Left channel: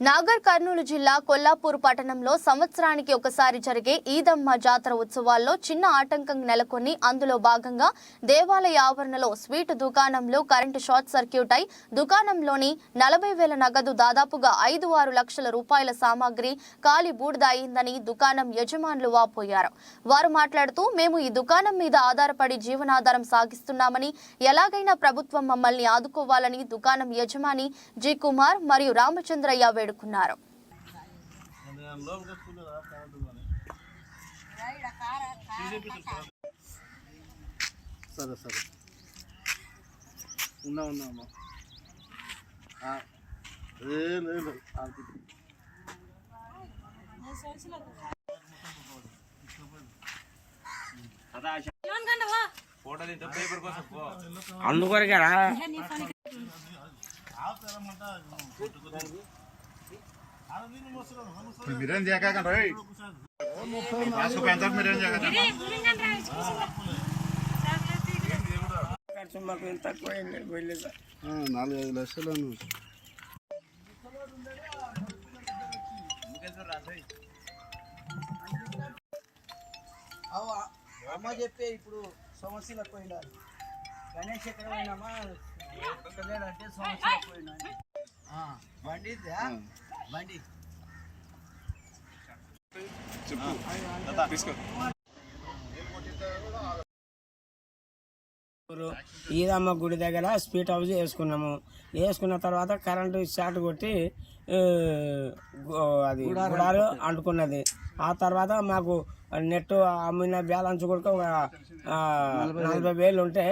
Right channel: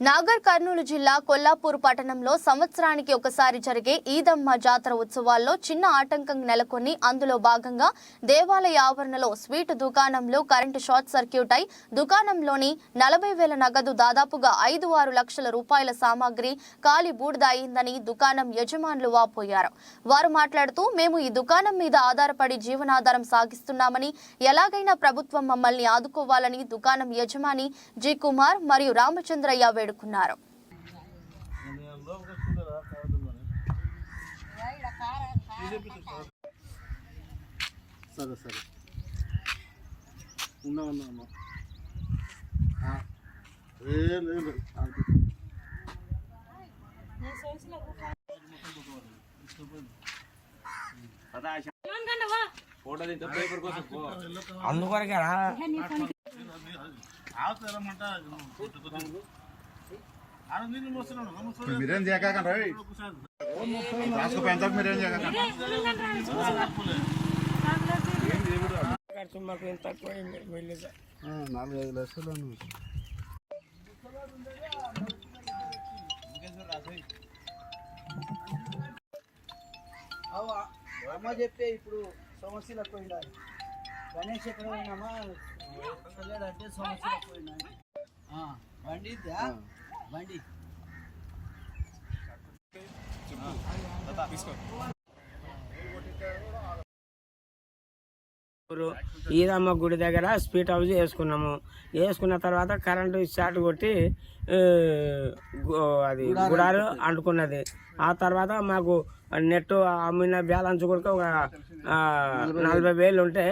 నాగర్ కర్నూలు జిల్లా కొల్లాపూర్ పట్టణంలో సంవత్సరానికి ఒకసారి జరిగే ఈదమ్మ జాతర ఉత్సవాల్లో చిన్న ఆటంకం నెలకొని అందులో భాగంగా దేవాలయ ఆవరణలో స్వీట్ దుకాణంలో కరెంటు షార్ట్ సర్క్యూట్ అయి దుకాణంలోని నలభై వేల నగదు దాదాపుగా ఐదు ఆరు లక్షల రూపాయల సామాగ్రి కాలి బూడిద అయిందని దుకాణం యజమానులు వాపోయారు. వారు మాట్లాడుతూ మేము ఈ దుకాణం మీద ఆధారపడి జీవనాధారం సాగిస్తున్నామని ఎలాగైనా ప్రభుత్వం మమ్మల్ని ఆదుకోవాలని దుకాణం యజమాని జి. కుమార్ మరియు రామచంద్రయ్య వేడుకున్నారు సరే సరే ఉన్నా ఉన్నా. ఆపు. అందుకొరకేనా ఇప్పుడు మీరేం చేయకండి రా రాసుకుపోయి ఎంత మీరేం చేయకండి. నాలుగు ఐదు లక్షలు అమ్మ చెప్పే ఇప్పుడు సమస్యలకు పోయిందా? గణేష్ ఎక్కడ పోయినామా అంటే సమస్యలకు పోయినా ఈదమ్మ గుడి దగ్గర స్పీడ్ హౌస్ వేసుకున్నాము. వేసుకున్న తర్వాత కరెంటు షార్ట్ కొట్టి అది గుడారు అంటుకున్నది. ఆ తర్వాత మాకు నెట్ అమ్మిన బ్యాలెన్స్ కూడా ఒక నలభై వేలు ఉంటే